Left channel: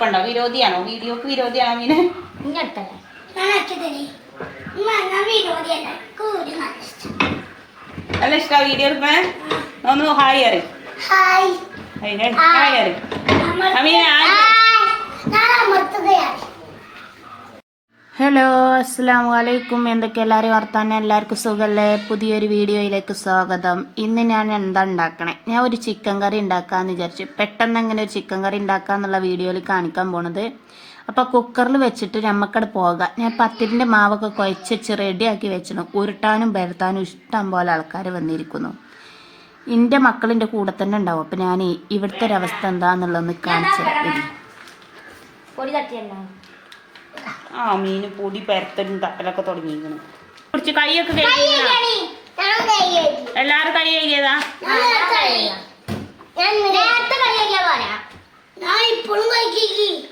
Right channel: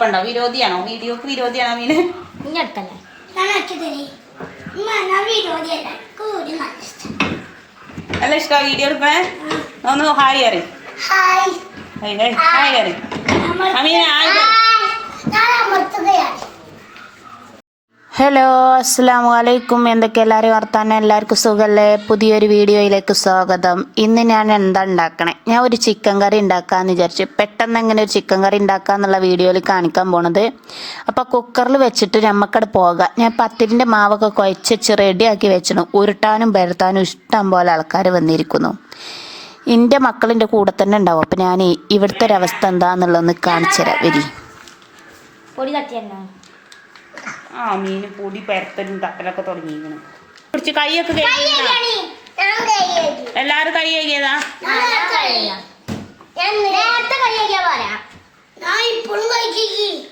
കുഴപ്പമുണ്ടോ? വിരോധിയാണോ? വീഡിയോക്ക് വിരോധിയാണോ മീന്? നല്ല ഇഷ്ടമാണ് വീഡിയോ ഒന്ന് ഹായ് അറി ഹായ്. അറി അമീന ഹായ് പറ. ഞാൻ അമർത്തുകയാണ് ഹലോ അസ്സാം വലൈക്കും എന്തൊക്കെ എല്ലാവരും വർത്താനം? എല്ലാവർക്കും സുഖമല്ലേ പുതിയൊരു വീഡിയോയിലേക്ക് സ്വാഗതം. ഇന്ന് ഞാൻ എന്താ ഉണ്ടാക്കണേ? ഞാൻ ഒരു ചിക്കൻ കറി ഉണ്ടാക്കാമെന്ന് വിചാരിച്ചു പെട്ടെന്ന് എങ്ങനെ ഒരു ചിക്കൻ കറി ഉണ്ടാക്കാന്നുള്ള വീഡിയോയിൽ കാണിക്കാൻ പോണത്. അപ്പോൾ കുക്കറിൽ വെച്ചിട്ട് നമുക്കവിടെ പോകാം. ഞാൻ പത്തിരിന്റെ മാവൊക്കെ കുഴച്ച് റെഡിയാക്കി വെച്ചിരുന്നു. ഉരുട്ടാനും പരത്താനും ഇഷ്ടം പോലെ ആൾക്കാർ വന്നിരിക്കുന്നു. എന്റെ മക്കളിന്റെ കൂടെ തന്നെ ഉണ്ടാവും. അപ്പം ഞാൻ ഇവിടുത്തെ ഒരവസ്ഥ എന്താണെന്നുള്ളതൊന്ന് കാണിച്ചു തരാം. വരി. ആ മീൻ പൊടി പരത്തലും തട്ടലൊക്കെ തുടങ്ങിയിരിക്കണ്. കുറച്ച് കൈയൊക്കെ കൈയ്യേറ്റി. എല്ലാരും കൈ കഴുകിയതാ? ഞാൻ നേരത്തെ കഴുകി.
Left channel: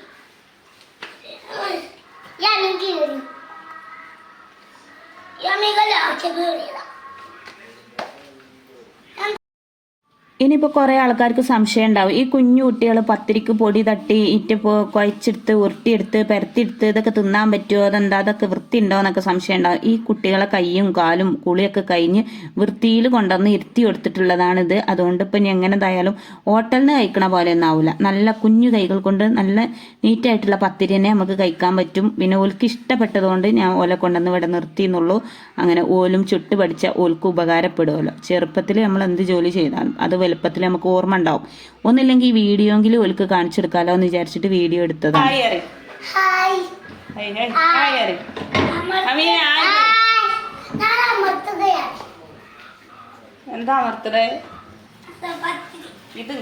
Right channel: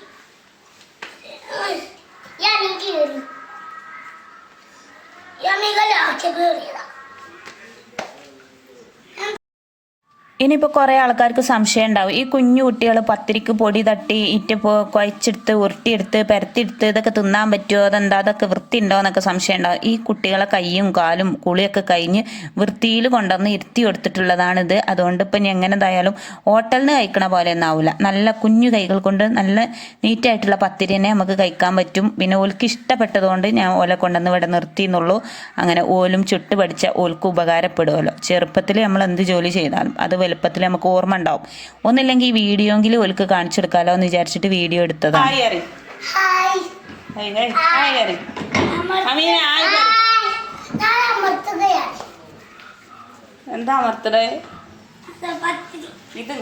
ഇനിയിപ്പോൾ കുറേ ആൾക്കാർക്ക് സംശയം ഉണ്ടാവും ഈ കുഞ്ഞു കുട്ടികൾ പത്തിരിക്ക് പൊടി തട്ടി ഇറ്റിപ്പോ കുഴച്ചെടുത്ത് ഉരുട്ടിയെടുത്ത് പരത്തിയെടുത്ത് ഇതൊക്കെ തിന്നാൻ പറ്റുമോ അതെന്താ? അതൊക്കെ വൃത്തി ഉണ്ടോ എന്നൊക്കെ സംശയം ഉണ്ടാവും ഈ കുട്ടികളെ കൈയും കാലും കുളിയൊക്കെ കഴിഞ്ഞ് വൃത്തിയിൽ കൊണ്ടുവന്ന് ഇരുത്തി കൊടുത്തിട്ടുള്ളതാണിത്. അതുകൊണ്ട് ഇപ്പം ഇനി എങ്ങനെതായാലും ഹോട്ടലിൽ നിന്ന് കഴിക്കണ പോലെ ഒന്നും ആവില്ല നല്ല കുഞ്ഞു കൈകൾ കൊണ്ട് നല്ല നീറ്റായിട്ടുള്ള പത്തിരിനെ നമുക്ക് കഴിക്കാൻ പറ്റും. പിന്നെ ഓൽക്ക് ഇഷ്ടപ്പെട്ടതുകൊണ്ട് ഞാൻ ഓലെ കൊണ്ടുവന്ന് ഇവിടെ നിർത്തി എന്നുള്ളൂ അങ്ങനെ ഓലും ചുട്ട് പഠിച്ച ഓൽക്ക് ഉപകാരപ്പെടുമല്ലോ ചെറുപ്പത്തിൽ നമ്മൾ എന്ത് ജോലി ചെയ്താലും അത് വലുപ്പത്തിൽ നമുക്ക് ഓർമ്മ ഉണ്ടാവും. ഒന്നില്ലെങ്കിൽ വീഡിയോ എങ്കിലും ഓൽക്ക് കാണിച്ചെടുക്കാലോ എന്ന് വിചാരിച്ചിട്ട് വീഡിയോ എടുത്തതാണ്. എന്താ അമർത്തത് ഇത്.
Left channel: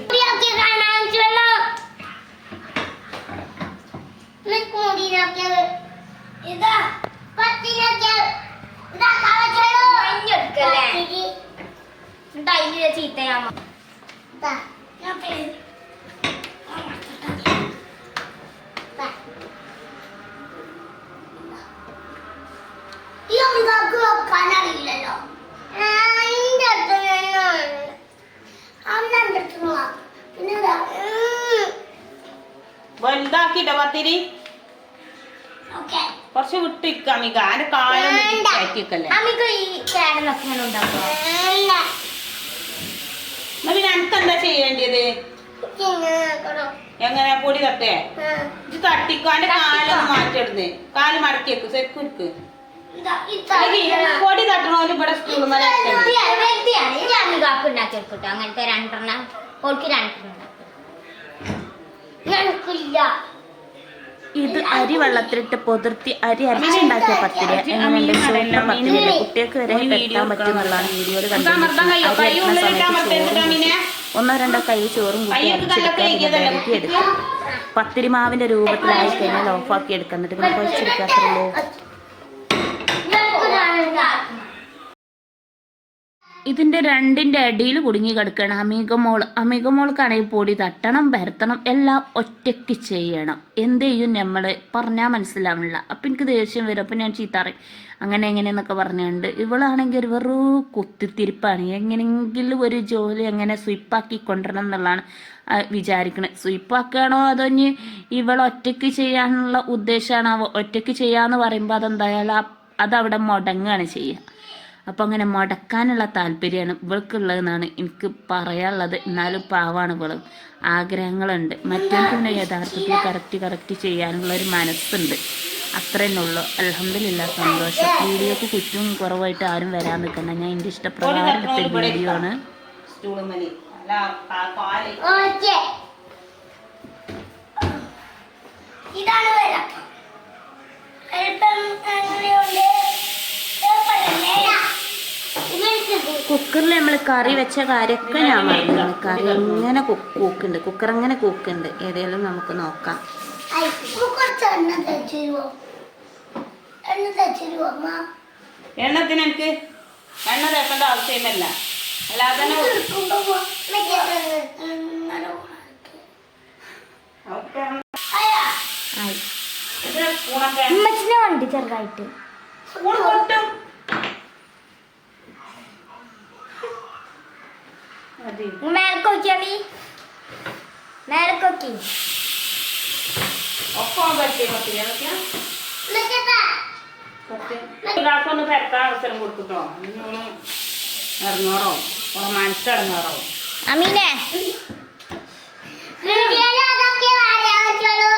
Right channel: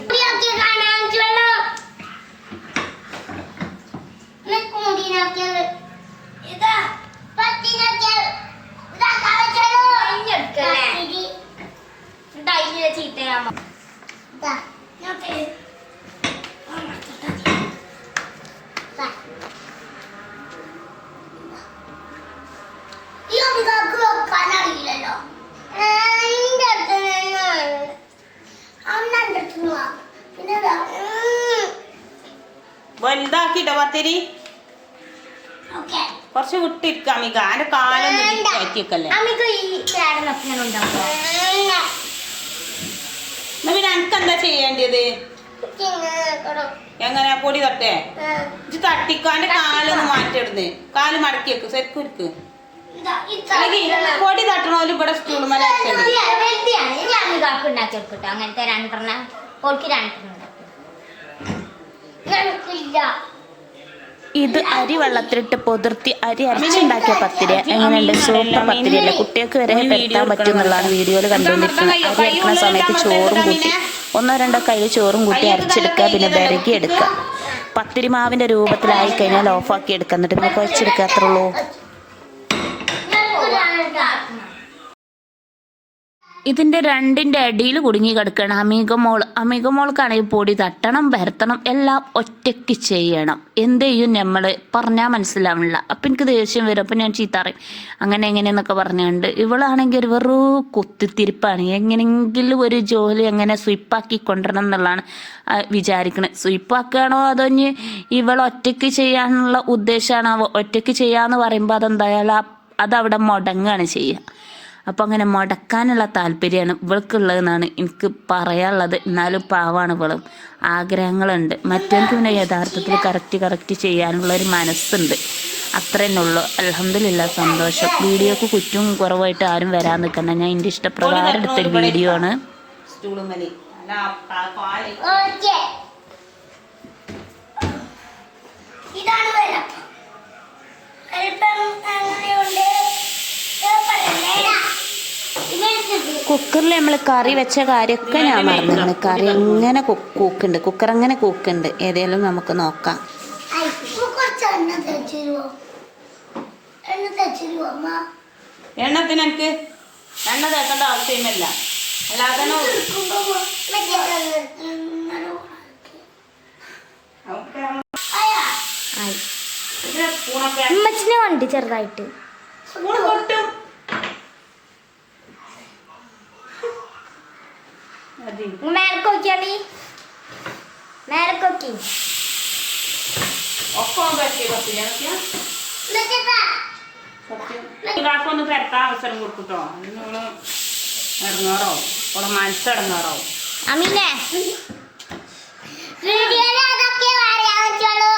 ചീത്തയാമോ വലുതാക്കിട്ട പത്തിരി. കുറച്ച് വിട്ടിരിക്കാം അമിക അതിന്റെ കാലൊന്നും കയറ്റിക്കല്ലേ അമിക്ക് ഈ കേടൻ വെക്കുമ്പോൾ ഉണ്ടാക്കോ ഇല്ല. എന്നാ പിന്നെ എനിക്ക് എന്താ ചെയ്യേണ്ടത്. എങ്ങനെ പൊടി തട്ടേ ഇത് തട്ടിക്കാന്റെ കാലൊന്ന് മാറ്റിടുന്നേ കാൽ മടക്കി വെക്കും സെക്കുരുക്ക്. പൊടി തട്ടണോൽ ഇവിടെ സ്കൂളിൽ അങ്ങനത്തെ രണ്ടെണ്ണം രണ്ടെണ്ണം ഞങ്ങൾക്കില്ല. ഇത് അരി വെള്ളത്തിലിട്ട് പൊതിർത്തി അരി അരച്ചുണ്ടാക്കിയ പത്തിരി. എങ്ങനെയുണ്ട് സൂപ്പർ പത്തിരിയല്ലേ? കുട്ടികൾക്ക് വരെ പെട്ടാൻ പറ്റും എന്നുള്ളതാണ് വീഡിയോയിൽ കണ്ടുകൊണ്ടിരിക്കുന്നത് അരി അരക്കുന്ന സമയത്ത് ചോറും കൂട്ടി. ഒന്നോ രണ്ടോ കൈ ചോറും കൂട്ടി അരച്ചെടുക്കുക. പിന്നെ വിരകി എടുക്കുക. പത്തിരി മാവിന്റെ രൂപത്തിലായി കഴിഞ്ഞാൽ ഓഫാക്കി എടുക്കുക എന്നിട്ട് പിന്നെ കുഴച്ചെടുക്കുക ഇതിന്റെ രണ്ടിന്റെ അടിയിൽ കുടുങ്ങി കിടക്കണം. അമികമോൾ അമികമോൾക്കാണെങ്കിൽ പൊടി തട്ടണം പരത്തണം എല്ലാം ഒറ്റയ്ക്ക് ചെയ്യണം. എന്ത് ചെയ്യും നമ്മൾ പറഞ്ഞാൽ മനസ്സിലാവണില്ല അപ്പം എനിക്ക് ദേഷ്യം വരും. അപ്പം ഞാൻ ചീത്ത പറയും. അങ്ങനെ എങ്ങനെയെന്നൊക്കെ പറഞ്ഞുകൊണ്ട് ഇവളാണെങ്കിൽ ഒരു വെറൂ കുത്തിത്തിരിപ്പാണ്. എങ്ങനെയെങ്കിലും ഒരു ജോലി എങ്ങനെ സ്വീപ്പാക്കി കൊണ്ടുവരണം എന്നുള്ളതാണ് വിചാരിക്കണത്. സ്വീപ്പാക്കുകയാണോ അതോ ഇനി ഇവൾ ഒറ്റയ്ക്ക് ചെയ്യാനുള്ള ഉദ്ദേശമാണോ? ഒറ്റയ്ക്ക് ചെയ്യാന്ന് പറയുമ്പോൾ അതെന്തായാലും അതവിടെ മുടങ്ങുകയാണ് ചെയ്യുക. അപ്പം അങ്ങനെ മുടക്കാനുള്ള താല്പര്യമാണ് ഇവൾക്കുള്ളതെന്നാണ് എനിക്ക് പറയാനുള്ളത്. എന്നാലും പാവാണ് ഇവൾ. ആഗ്രഹങ്ങളുണ്ട്. മറ്റവർക്ക് പിന്നെ യഥാർത്ഥത്തിൽ കറക്റ്റ് കറക്റ്റ് ചെയ്യാനുള്ള ഒരു മനസ്സുണ്ട്. അത്ര തന്നെ ഉള്ളൂ. അലഹമില്ല സന്തോഷം. വീഡിയോക്ക് കുറ്റവും കുറവായിട്ട് ആരും വരാൻ നിൽക്കണ്ട. ഞാൻ എന്റെ ഇഷ്ടപ്രകാരം എടുത്തൊരു വീഡിയോ ആണ്. ഇതാണ് വരാം അല്പം അങ്ങനെയുണ്ട്. കുക്കറിൽ നമ്മൾ കറി വെച്ച കാര്യമൊക്കെ ഞാൻ മറന്നു കറി എങ്ങനെ കൂക്കുണ്ട്. കുക്കർ അങ്ങനെ കൂക്കുണ്ട്. ഏതെങ്കിലും നമുക്ക് നോക്കാം? എണ്ണത്തിന് എനിക്ക് എണ്ണ തേക്കേണ്ട ആവശ്യമല്ല അല്ലാതെ തന്നെ ഇത് എടുക്കുമ്പോ മറ്റേ ഇങ്ങനെ ഉണക്കി. ഒക്കെ അയ്യാ, ആയി ഇത് സ്പൂണൊക്കെ ഉമ്മച്ചിനെ ഉണ്ട് ചെറുതായിട്ട് സ്പൂൺ പൊട്ടും മതി മേലക്ക് നോക്കിയാണ്ടി മേലക്ക് നോക്കി ഒരാൾക്കൊന്ന് പെരക്കാൻ അവസരം കൊടുക്കട്ടോ. ഇറങ്ങാറോ ഇവിടെ മനസ്സിറങ്ങാറോ അമീനെ വീഡിയോയിൽ അതൊക്കെ പറയാൻ പറ്റുള്ളൂ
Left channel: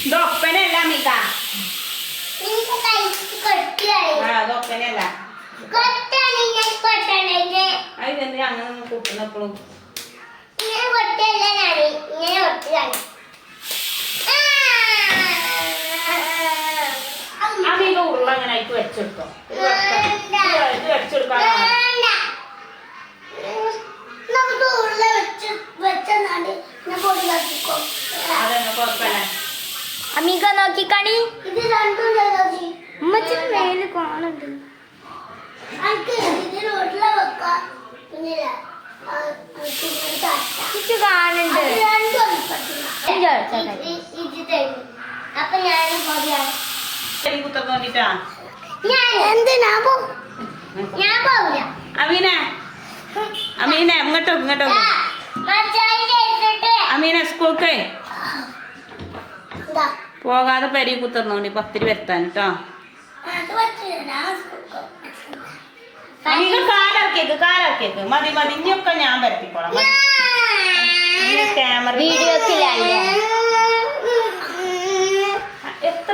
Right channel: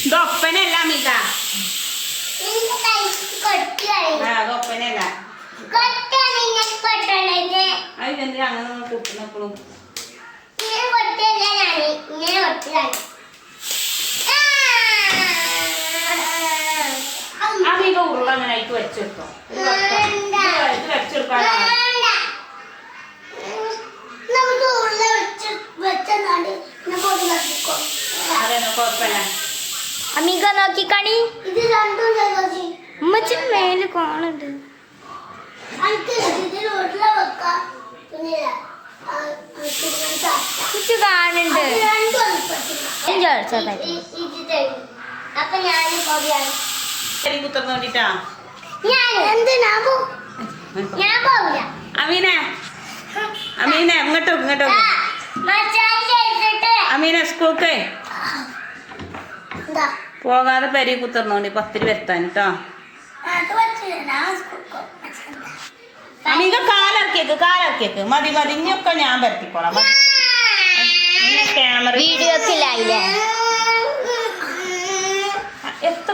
ഇത് ഒപ്പനല്ല മിത എനിക്ക് കഴിച്ച് കൊട്ടിയാണ് ആ അത് ഒപ്പനല്ല കൊട്ടാണ് ഞാൻ കൊട്ടണത് അത് എന്തിനാ അങ്ങനെ കുട്ടുന്നപ്പോഴും ഇങ്ങനെ കൊട്ടല്ല ഞാൻ ഇങ്ങനെ കൊട്ടുകയാണ് ആ മിത ഉരുള അങ്ങനെ അതിക്ക് വെച്ചെടുത്തോ ഇത് വെക്കാം. ഇത് ഇത് വെച്ചെടുക്കാനാണ് കത്തിക്കോ അതൊന്നും കുഴപ്പമില്ല. അമീക നോക്കിക്കണി. ഇത് രണ്ടും മേൽ കാണുന്നുണ്ട് എനിക്ക് ഇതിൽ ഉരുള വെക്കാം അപ്പൊ ഞാൻ ഞാൻ എന്തിനാ പോ- ഞാൻ പോവില്ല. അമീനെ. അമീനെ ഇങ്ങോട്ടോ ഇങ്ങോട്ടോ അമീനെ സ്കൂൾക്ക്. പോകാതെ പരി കുത്തർന്നോണ്ട് പത്തിരി വരുത്താൻ കേട്ടോ അമീക കാലിറക്കിയേക്ക് കാലിറക്കിയേക്ക് മതി മതി. ഇനിയൊക്കെ ഞാൻ. ഇനി ക്യാമറ വീഡിയോക്കിലല്ലേ എത്ര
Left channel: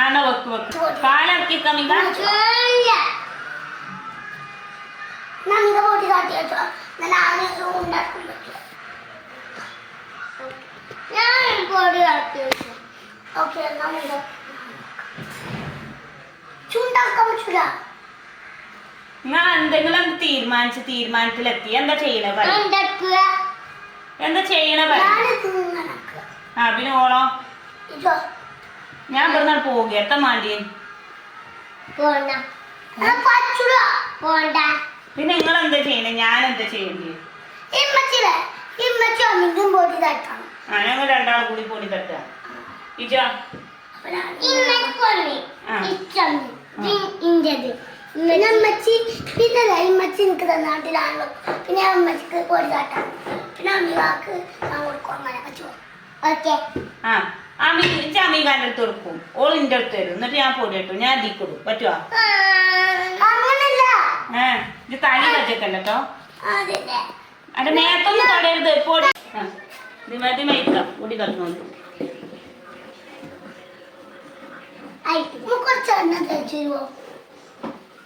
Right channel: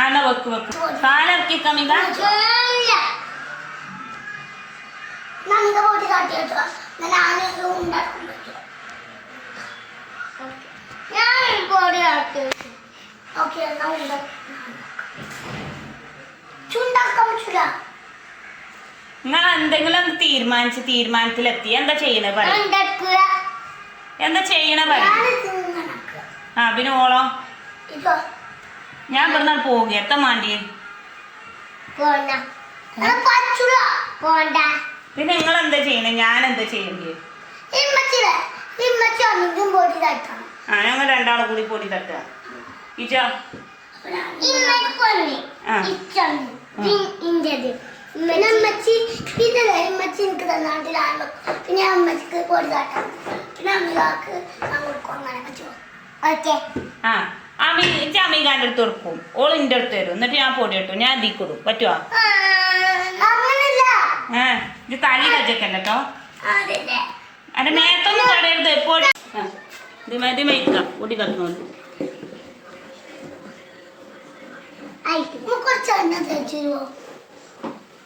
ആണോ വെക്ക് വെക്ക്. കാലിറക്കിക്ക അമീക നന്ദ പൊടി കാട്ടിട്ടോ ഞാൻ ഉണ്ടാക്കാൻ പറ്റും ഓക്കെ ചുണ്ടാക്കാൻ നിങ്ങൾ എന്തെങ്കിലും ഒന്ന് തീരുമാനിച്ച് തീരുമാനത്തിലെത്തി. എന്താ ചെയ്യണേ പറ എന്താ ചെയ്യണേ പറ ആ പിന്നെ ഓളോ? ഞാൻ ഇവിടുന്ന് പോവുക എത്താൻ പറ്റൂല പിന്നെ നിങ്ങൾ എന്താ ചെയ്യണേ? ഞാൻ എന്താ ചെയ്യണ്ടേ ഇമ്മച്ചിലെ ഇമ്മച്ചി ഒന്നിനും പൊടി തട്ടണം ആ ഞങ്ങൾ രണ്ടാൾ കൂടി പൊടി തട്ടുക. ഇജോ. പിന്നെ അമ്മച്ചി പിന്നെ ദാ എനിക്ക് തന്നാട്ടിലാണല്ലോ. പിന്നെ അമ്മച്ചിക്ക് പൊടി തട്ടണം പിന്നെ അമ്മയ്ക്ക് ഞാൻ കൊടുക്കും അങ്ങനെ. ഓക്കെ ആ. അമ്മി ഇജ്ജ് അമ്മീകാന്റെ അടുത്ത് കൊടുക്കും. ഓൾ ഇന്റെ അടുത്ത് തരും. എന്നിട്ട് ഞാൻ പൊടി ഇട്ടു. ഞാൻ ഇതിൽ കൊടുക്കും. പറ്റുമോ ഏ ഇത് തലി കച്ചക്കല്ല അതെ അന്റെ നേരത്തൊന്നും തടയരുത്. പൊടി ആ ദിമേ ദിമേ ഇരിക്കാം തട്ടുന്നത് ആയിട്ട് കുറച്ച് എണ്ണ തേച്ചു തരുമോ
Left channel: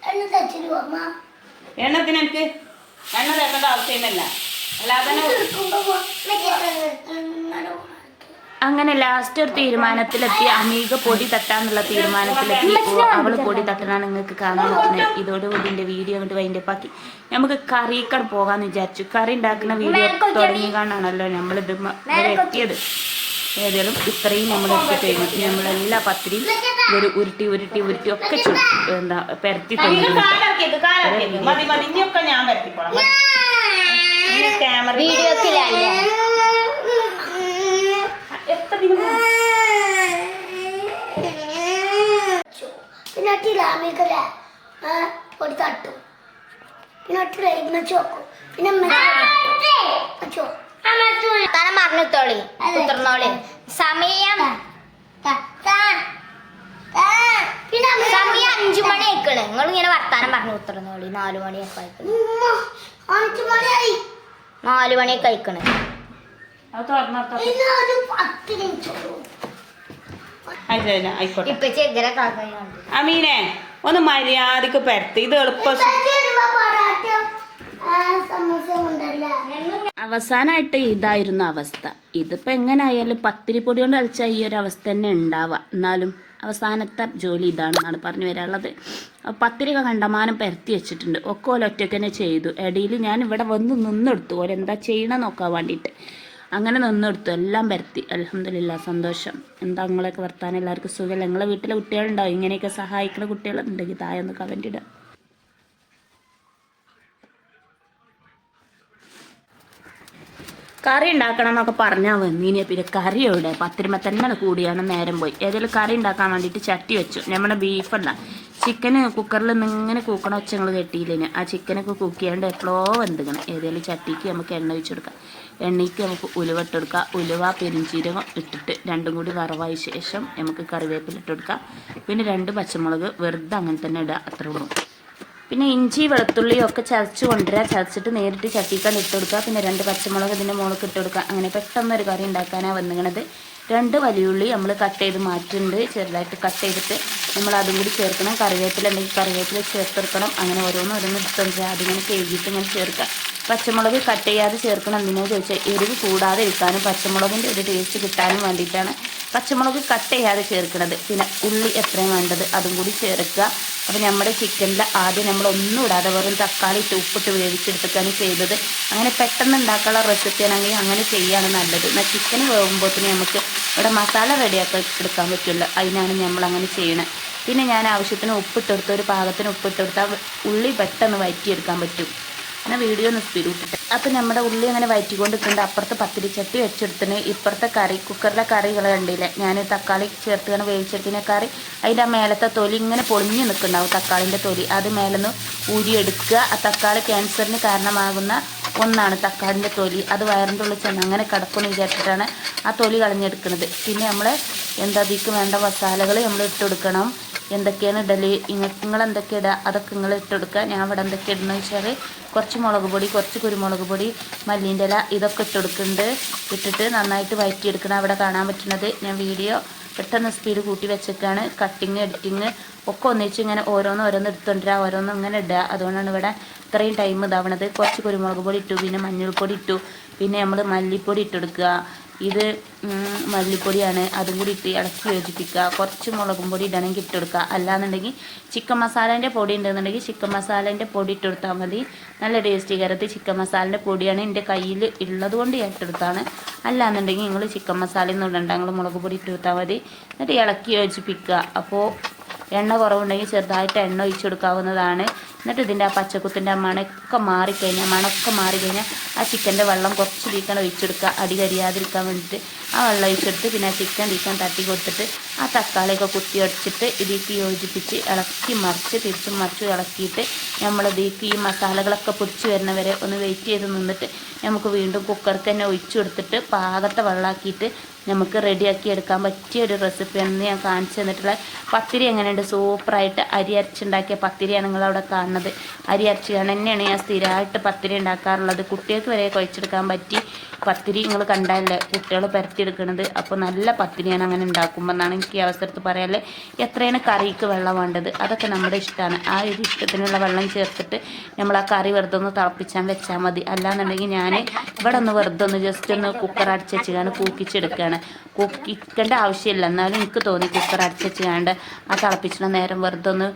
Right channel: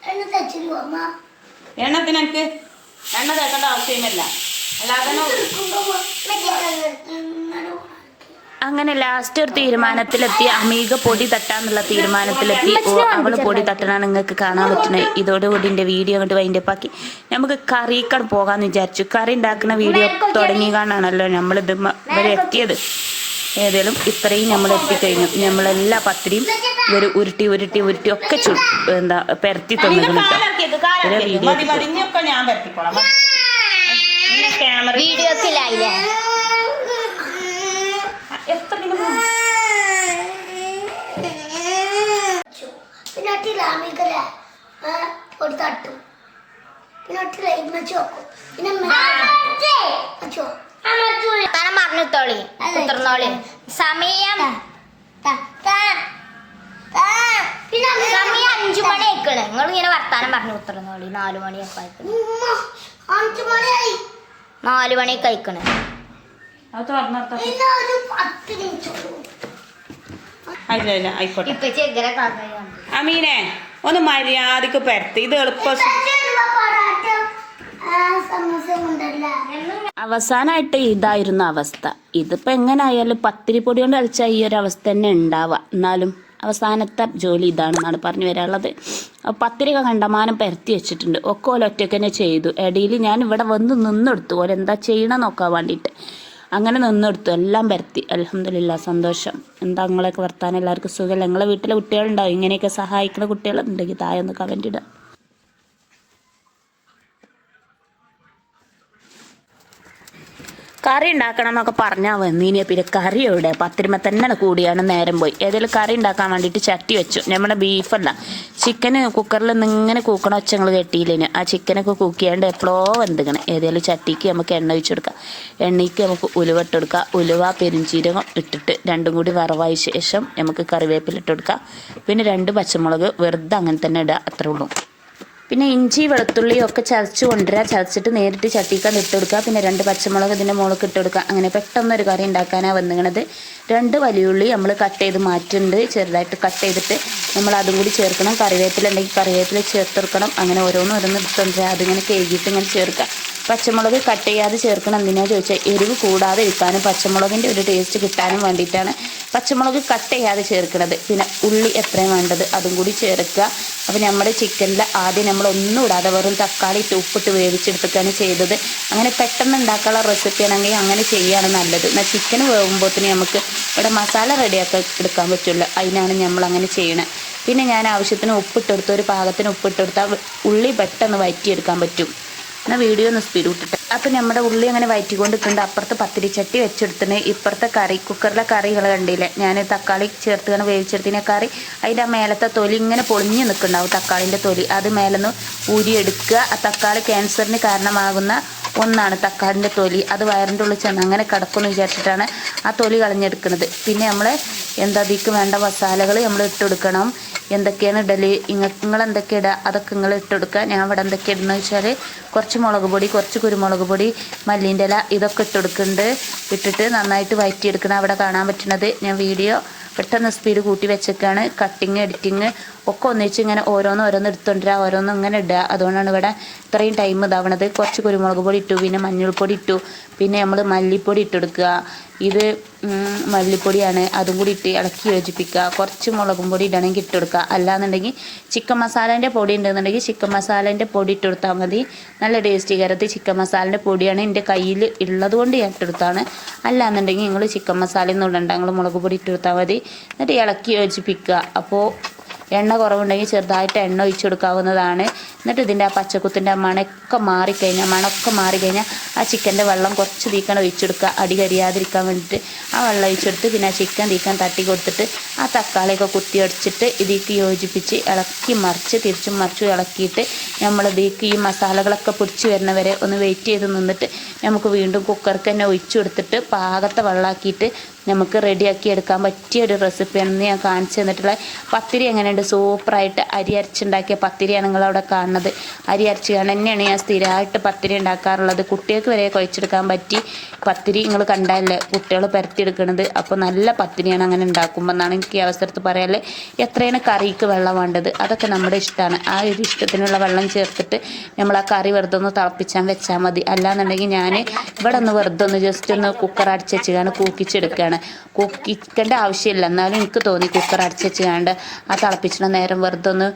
എണ്ണ തേച്ചു തരുമോ അമ്മ എണ്ണത്തിന് എനിക്ക് എണ്ണ തേക്കേണ്ട ആവശ്യമല്ല അല്ലാതെ അങ്ങനെ ലാസ്റ്റ് ഒരു തീരുമാനത്തിലെത്തി. അമീക പൊടി തട്ടാന്നുള്ള തീരുമാനത്തിലെത്തി. ഓ അവൾ പൊടി തട്ടണാണ് നിങ്ങൾക്ക് കാണാൻ പറ്റുന്നത്. ഇതോടുകൂടി എന്റെ വീഡിയോ അങ്ങോട്ട് വൈൻഡപ്പാക്കി നമുക്ക് കറിക്കട് പോകാന്ന് വിചാരിച്ചു. കറി ഉണ്ടാക്കുന്ന വീഡിയോ തുടങ്ങി കാണാണല്ലോ നമ്മളിത് ഇവിടെ എത്തിയത്. ഏതായാലും ഇത്രയും നമ്മൾ എത്തിക്കഴിഞ്ഞു. നമ്മളെല്ലാ പത്തിരിയും ഒരു ഉരുട്ടി ഉരുട്ടി ഉരുട്ടി ഒക്കെ ചു എന്താ പെരത്തി അമ്മീക തന്നിട്ടുണ്ട് കാലാക്കിയത് കാലാക്കിയത് മതി മതി ഇനിയൊക്കെ ഞാൻ പരത്തിക്കോളാം മതി. ഇനി ക്യാമറ വീഡിയോക്കിലല്ലേ എത്ര ദിനം പിന്നെ ഒരു തട്ടും. പിന്നെ ഇമ്മച്ചി വെക്കും. പിന്നെ വെച്ചോ വർത്താനം പറഞ്ഞിത്തോളി കുത്തിർന്നോളി. സമയം. പിന്നെ സമയം അഞ്ചു മണി ആയിക്കണ്. നിങ്ങൾ ഇങ്ങനെ വർത്താനം പറഞ്ഞു കുത്തിർന്നോളി. നാലു മണിയൊക്കെ ആയിക്കണ്. ഉമ്മ അഞ്ചു മണിയായി നാലു മണിയൊക്കെ കഴിക്കണേ അത് തുറന്നോട്ടോ ആയിക്കോട്ടെ അമീനെ ഒന്ന് മര്യാദയ്ക്ക് പരത്തി. ഇത് എളുപ്പം അവസാനമായിട്ട് ഇതായിരുന്നു അവസ്ഥ. ഇതിപ്പോൾ എങ്ങനെയായാലും പത്തിരി പൊടി കൊണ്ട് കളിച്ചാൽ ഈ ഒരു അവസ്ഥ തന്നെ ഉണ്ടാവുക. എന്നാലും അവസാനത്തെ ജോലി ഇതാണെന്നാണ് പറഞ്ഞു വരാനുള്ളത്. പത്തിരിക കണ്ടമാനം പരത്തി വെച്ചിട്ടുണ്ട്. ഒക്കെ ഓല ഒറ്റയ്ക്ക് തന്നെ ചെയ്തു. ഇടയിൽ ഞാൻ ഇവിടെ വന്ന് നിന്നെടുത്തു. ഓരെന്താ ചെയ്യണമെന്ന് ചെയ്യണം നോക്കാൻ വേണ്ടിയിട്ട്. അങ്ങനെ നിന്നെടുത്തു. എല്ലാം പരത്തി. അലഹമില്ല സന്തോഷം. എന്താ നിങ്ങളെയൊക്കെ വർത്താനം? എല്ലാവർക്കും സുഖമല്ല നിങ്ങളെ വീട്ടിലെ കുട്ടികളുണ്ടാവും. ഇങ്ങനെയൊക്കെ സഹായിക്കുന്ന കുട്ടികളുണ്ടെങ്കിൽ താഴെ ഒന്ന് കമന്റ് ഇടുക. കറി ഉണ്ടാക്കണം എന്നൊക്കെ പറഞ്ഞാൽ വന്നീനി പിന്നെ കറി എവിടെ? പത്തിരുമ തന്നെ കൂടിയാണ് നേരം പോയി. ഏതെങ്കിലും കറി ഉണ്ടാക്കാൻ വേണ്ടിയിട്ട് ചട്ടി വെച്ചു. നമ്മുടെ ബീഫല്ല ചിക്കന് കുക്കറിൽ ഇങ്ങനെ കൂക്കണ ഒച്ചങ്ങൾ കെട്ടിയില്ലേന് ആ ചിക്കനൊക്കെ കുക്കിയാണ്ട് എപ്പോഴോ വെന്തിക്കണം. ഏതെങ്കിലും ചട്ടിക്ക് നമുക്ക് എണ്ണ ഒഴിച്ച് കൊടുക്കാം. എണ്ണയ്ക്ക് നമുക്ക് ഉലുവ ഇട്ട് കൊടുക്കാം. ഉലുവ പെരിഞ്ചീരകം ഇട്ടിട്ട് രണ്ടും കൂടി വറവായ ശേഷം നമുക്ക് കറിവേപ്പില ഇട്ട് കൊടുക്കാം. പിന്നെ രണ്ട് പച്ചമുളക് വെറുതെ അങ്ങനെ തന്നെ ഇടുക അത്രേ ഉള്ളൂ. പിന്നെ ഇഞ്ചി വെളുത്തുള്ളിയും ഒക്കെ ചതച്ച് കൊണ്ടുവരിക ചതച്ചിട്ട് നേരിട്ട് ചട്ടിക്കാൻ ഇട്ടെടുക്കുക പിന്നെ രണ്ട് പച്ചമുളക് ഇതിന്റെ മുളക് ഇട്ടെടുക്കുക അങ്ങനെ പെട്ടെന്ന് ഒരു കറി ഉണ്ടാക്കാനാണ് വന്നിങ്ങണത്. രണ്ട് വലിയുള്ളി നമ്മൾ കട്ട് ചെയ്ത് മാറ്റുന്നുണ്ട് ചെറുതായിട്ട് കട്ട് ചെയ്തിട്ട് നമ്മൾ അതും കൂടി ചേർക്കണം. കറിവേപ്പില ഉണ്ടെങ്കിൽ കറിവേപ്പില ചേർത്തെടുക്കണം. അങ്ങനെ ഓരോന്നും ഓരോന്ന് എടുത്തുകൊണ്ടുവരിക അതിങ്ങനെ കഴുകിയിട്ട് ഇങ്ങനെ ചേർക്കുക പച്ചമുളക് കട്ട് ചെയ്യാതെ ചേർക്കണം എന്തിനാ ചോദിച്ചാൽ എരിവ് കൂടാതെ ഇരിക്കാനും പച്ചമുളകിന്റെ ഒരു ടേസ്റ്റ് കിട്ടാനും വേണ്ടിയിട്ടാണ് പച്ചമുളക് കട്ട് ചെയ്യാതെ ചേർക്കുന്നത് പിന്നെ ഉള്ളി എത്രയും വേണ്ടത് അതും കൂടി ചേർക്കുക. അപ്പോൾ നമ്മുടെ ചിക്കനിൽ ആദ്യം നമ്മൾ ഒന്നും ഇടാതെ വെറും തക്കാളി ഇട്ട് ഉപ്പിട്ട് വേവിച്ചെടുത്തിട്ടാണ് ചെയ്തത്. അങ്ങനെ പെട്ടെന്ന് ഉണ്ടാക്കാനുള്ള റെസിപ്പി ആണെങ്കിൽ അങ്ങനെ ചെയ്യുകയാണ് നല്ലത്. എന്നാൽ ചിക്കൻ വേകുമ്പോഴത്തേന് നമുക്ക് ഇവിടെ മസാല റെഡിയാക്കി എടുക്കാൻ പറ്റുള്ളൂ അതിനാണ് നമ്മൾ അങ്ങനെ ചെയ്യണത് പിന്നെ ഞാൻ ആവശ്യത്തിന് ഉപ്പിട്ടെടുത്ത് ഒരു പാകത്തിന് ഉപ്പിട്ടെടുത്താൽ ഉള്ളി പെട്ടെന്ന് വഴറ്റിയെടുക്കാൻ പറ്റും. എന്നാൽ വീഡിയോ ഒന്ന് സ്പീഡ് വിട്ടിട്ട് അപ്പം നമ്മുടെ ഉള്ളി അങ്ങനെ വയറ്റിക്കൊണ്ടിട്ടുണ്ട്. അപ്പുറത്ത് പത്തിരിച്ചട്ടി വെച്ചെടുത്തിന് ഇപ്പുറത്തെ കറി കുക്കറിലെ കറികൾ കണ്ടില്ലേ? ഞാൻ തക്കാളി ചേർത്തുകയാണ് വേവിച്ചെടുത്തിനെ കറി. അതിന്റെ ആ മേലത്തെ തൊലി ഇങ്ങനെ പൊളിഞ്ഞ് നിൽക്കുന്നുണ്ടാവും തക്കാളിന്റെ തൊലി. അത് മേലെന്ന് ഊരിയെടുക്കുക. ആ തക്കാളി ക്യാൻസറിന് കാരണമാകുന്ന ഒന്നാണ് തക്കാളിന്റെ തൊലി. അത് വയറിന്റെ ഉള്ളിൽ ചെന്ന് അങ്ങനെ കിടക്കുമെന്ന് വിചാരിച്ചിട്ടാണ് ആ തൊലി കളഞ്ഞെടുക്കുന്നത്. പിന്നെ നമ്മൾ എന്താ അതിക്ക് വേണ്ട മസാലകൾ നമ്മൾ ഇട്ട് കൊടുക്കണം. എന്തൊക്കെയാണ് ഇടൽ? നിങ്ങൾ എന്തൊക്കെ ഇടുക അതൊക്കെ നിങ്ങൾ ഇട്ടെടുക്കുക ഞാൻ ഇവിടെ എന്തൊക്കെ ഇടുന്നത് വെച്ചാൽ കുറച്ച് മുളക് പൊടി കുറച്ച് കുരുമുളക് പൊടി മല്ലിന്റെ ഇല ഇതൊക്കെ ഇട്ടെടുക്കുന്നുണ്ട് ഇട്ടിട്ട് നന്നായിട്ട് വഴറ്റിയെടുക്കണം അവിടെ കാണാൻ പറ്റുന്നത് ഞാൻ വീഡിയോ പെട്ടെന്ന് സ്പീഡ് കൂട്ടി വെച്ചേക്കാണ്. കട്ടിങ് എഡിറ്റിങ് ഒക്കെ ഒന്നിച്ച് ഇങ്ങനെ ഓരോന്ന് ഓരോന്ന് എടുത്തുകൊണ്ടിരിക ഓരോന്ന് ഇങ്ങനെ ഇടുക അതുകൊണ്ടാണ് ഇവിടെ ഇത്രയും ടൈം ഇതാവണത്. കുറച്ച് കുരുമുളക് പൊടി ഇട്ടു. പിന്നെ മഞ്ഞൾപ്പൊടി ഇട്ടു. പിന്നെ നമ്മൾ മല്ലിപ്പൊടി ഇട്ടെടുക്കുക. ഇത് മല്ലിപ്പൊടിയാണ്. അതും കൂടി ഇട്ട് ഇളക്കി യോജിപ്പിക്കുക. കുറച്ച് മുളകും പൊടി ഇടണമെങ്കിൽ ഇട്ടെടുക്കുക അല്ലാന്നുണ്ടെങ്കിൽ ചിക്കൻ മസാലേന്റെ പൊടി ഉണ്ടെന്നുണ്ടെങ്കിൽ ചിക്കൻ മസാലേന്റെ പൊടി ഇട്ട് കൊടുത്താൽ മതി. നല്ല ടേസ്റ്റി കരത്ത് ചിക്കൻ മസാലേന്റെ പൊടിയാണ് എന്റെ കയ്യിൽ ഉള്ളത് കൊണ്ട് ഞാൻ ഇട്ടെടുത്താണ് അല്ലാന്നുണ്ടെങ്കിൽ നിങ്ങൾ ചിക്കൻ മസാലയൊന്നും ഇടണ്ട. നിങ്ങൾ മുളക് പൊടി ഇട്ട് കൊടുത്താൽ മതി. എന്നിട്ട് ഇളക്കി യോജിപ്പിക്കുക. അപ്പോൾ എണ്ണ കുറവുണ്ടെങ്കിൽ ചെറുതായിട്ട് എണ്ണ ഒഴിച്ചു കൊടുക്കാവുന്നതാണ്. എന്നിട്ട് ഇതിന്റെ ആ പച്ചക്കുത്തിന്റെ മണക്കെ മാറിക്കഴിഞ്ഞാൽ മണക്കെ മാറിക്കഴിഞ്ഞാൽ ആ ചിക്കന്റെ വെള്ളം കുറച്ച് തീക്കണം ഒഴിച്ചു കൊടുക്കുക അടി കരിയാതിരിക്കാൻ വേണ്ടിയിട്ട്. ആ വെള്ളം ഒഴിച്ചെടുത്ത് പിന്നെ ആ ചിക്കൻ തീക്കാൻ തട്ടി കൊടുത്തിട്ട് ആ തക്കാളിയൊക്കെ കുത്തി ഒടിച്ചിട്ട് ഇതിലേക്ക് യോജിപ്പിച്ച് ഇളക്കി മറിച്ച് തിരിച്ചും മറിച്ചും ഇളക്കിയിട്ട് നമ്മൾ ഇതിലേക്ക് ഈ മസാലകളൊക്കെ പൊടിച്ച് വരുന്നവരെ ഒന്ന് വെയിറ്റ് ചെയ്ത് നിന്നിട്ട് നമുക്ക് വീണ്ടും കുക്കർക്ക് തന്നെ ഒഴിച്ചു കൊടുത്തിട്ട് പാകത്തെ വെള്ളമാക്കിയിട്ട് നമുക്ക് റെഡിയാക്കി എടുക്കാൻ പറ്റിയ ഒരു റെസിപ്പിയാണെന്ന് ഞാൻ കാണിച്ചു തന്നിട്ടുള്ള പത്തിരി എങ്ങനെയുണ്ട്? സൂപ്പറായിട്ട് അരി അരച്ചുണ്ടാക്കിയ പത്തിരിയാണ് നിങ്ങളവിടെ കാണുന്നത്. അരി അരച്ച് തന്നെയാണ് ഞാൻ സ്ഥിരമായിട്ട് പത്തിരി ഉണ്ടാക്കാറുള്ളത്. കുട്ടികൾക്ക് വരെ കുഴച്ചെടുക്കാൻ പറ്റി. പത്തിരി നിങ്ങൾ കണ്ടല്ലേ കുട്ടികൾ പരത്തിയെടുക്കണത്. അപ്പോൾ നല്ല പത്തിരിയാണ് അങ്ങനെ ഉണ്ടാക്കുമ്പോൾ എന്നാണ് എനിക്ക് ഈ അവസരത്ത് പറയാല്ലേ? എത്രയാണ് കറിക്ക് വെള്ളം വേണ്ടത്? അതൊക്കെ നമ്മുടെ ഇഷ്ടമാണ്. ആ ഒരു ഇഷ്ടത്തിനുള്ള വെള്ളം ചേർത്തിട്ട് നമ്മൾ ആ കറി വെറുതെ ഒന്ന് തിളപ്പിച്ചാൽ വെച്ചാൽ മതി. അല്ലാന്നുണ്ടെങ്കിൽ ഞാൻ ഇവിടെ ഒന്ന് വെറുതെ ഒന്ന് ജസ്റ്റ് ഒന്ന് കുക്കർ അടച്ച് വെച്ചുകൊണ്ട് കൂക്കിച്ചെടുക്കുകയാണ്. കൂക്കിക്കേണ്ട ആവശ്യമില്ല. എന്നാലും എനിക്ക് തോന്നി കുക്കർ അടച്ച് വെച്ചുകൊണ്ട് ആ തിളപ്പിച്ചിട്ട് നേരം വെറുതെ ഒന്ന്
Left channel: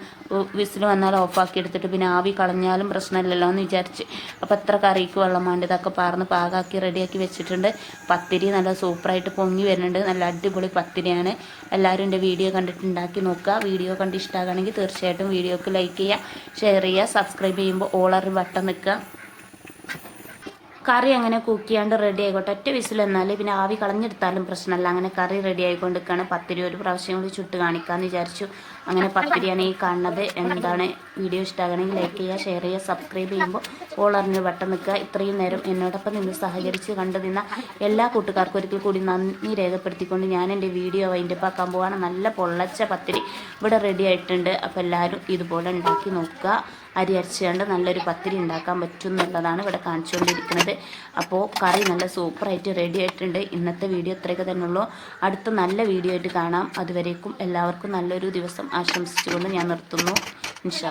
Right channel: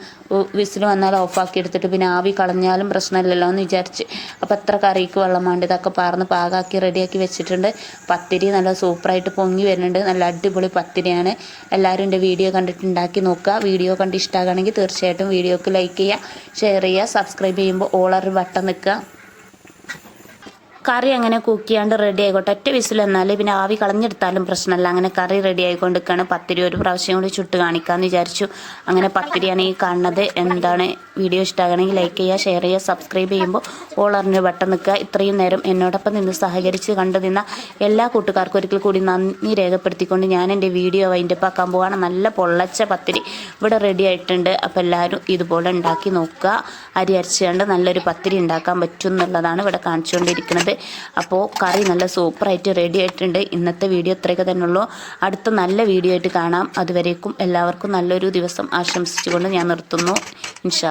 വിസിൽ വന്നാൽ ഓഫാക്കി എടുത്തിട്ട് പിന്നെ ആവി കളഞ്ഞാലും പ്രശ്നമില്ലല്ലോ എന്ന് വിചാരിച്ച്. അപ്പോൾ എത്ര കറിക്ക് വെള്ളം വേണ്ട? ഇതൊക്കെ പാർന്ന് പാകാക്കി റെഡിയാക്കി വെച്ചിട്ടുണ്ട്. പത്തിരി നല്ല സൂപ്പറായിട്ട് പൊങ്ങി വരുന്നുണ്ട്. നല്ല അടിപൊളി പത്തിരിയാണ്. എല്ലാവരും എന്റെ വീഡിയോ കണ്ടിട്ട് ഉണ്ടാക്കി നോക്കുക. വീഡിയോ കണ്ട് ഇഷ്ടമാകുകയാണെങ്കിൽ തീർച്ചയായിട്ടും വീഡിയോക്ക് ലൈക്ക് ചെയ്യുക ഷെയർ ചെയ്യുക സബ്സ്ക്രൈബ് ചെയ്യുമ്പോൾ ഓളർ ബട്ടൺ നിൽക്കുക. കറി അങ്ങനെ കുക്ക് ചെയ്യാണ്ട് റെഡി ആയിക്കോട്ടെ. ഒറ്റ വിസിൽ എന്നാൽ പിന്നെ ആവി കളഞ്ഞെടുത്താലും പ്രശ്നമല്ല അങ്ങനെ കറി റെഡി ആയിക്കൊണ്ടിരിക്കുകയാണ് പത്തിരി ഒരു പ്രാവശ്യം കൂടി ചുട്ട് കാണിക്കാമെന്ന് വിചാരിച്ചു. അങ്ങനെ പത്തിരിയാണ് ഈ കാണുന്നത്. എന്താണ് വീഡിയോ ഇഷ്ടമാകണമെങ്കിൽ ലൈക്ക് ചെയ്യുക ഷെയർ ചെയ്യുക സബ്സ്ക്രൈബ് ചെയ്യുമ്പോൾ ഓൾ അറിഞ്ഞ് വട്ടം നിൽക്കുക. ഇത്രയും നേരം എന്നോടൊപ്പം നിന്ന് സഹകരിച്ച് കണ്ടു നിന്ന എല്ലാ കൂട്ടുകാർക്കും ഒരിക്കൽ കൂടി നന്ദി രേഖപ്പെടുത്തിക്കൊണ്ട് ഞാൻ എന്റെ വീഡിയോ വൈൻഡപ്പ് ആക്കാൻ പോവാണ്. നല്ല പൊള്ളച്ച പത്തിരി ഇവിടെ റെഡി ആയിട്ടുണ്ട്. അപ്പോൾ എല്ലാവരും ഇതുപോലെ ഉണ്ടാക്കി നോക്കുക. അരി അരച്ചുകൊണ്ട് നല്ലൊരു പത്തിരി ഉണ്ടാക്കാൻ പറ്റും എന്നുള്ളതാണ് ഇവിടെ കാണിച്ചുകൊണ്ടിരിക്കുന്നത്. അപ്പോൾ കറി നല്ല സൂപ്പറായിട്ട് റെഡി ആയിട്ടുണ്ട്. ഇന്നത്തെ വീഡിയോ ഇത്രയൊക്കെ തന്നെ ഉള്ളൂ. അടുത്ത നല്ല വീഡിയോ ആയിട്ട് കാണാം. അതുവരേക്കും എല്ലാവർക്കും നല്ലൊരു ദിവസം ആശംസിച്ചുകൊണ്ട് ഞാൻ നിർത്തുന്നു. ഇൻഷാ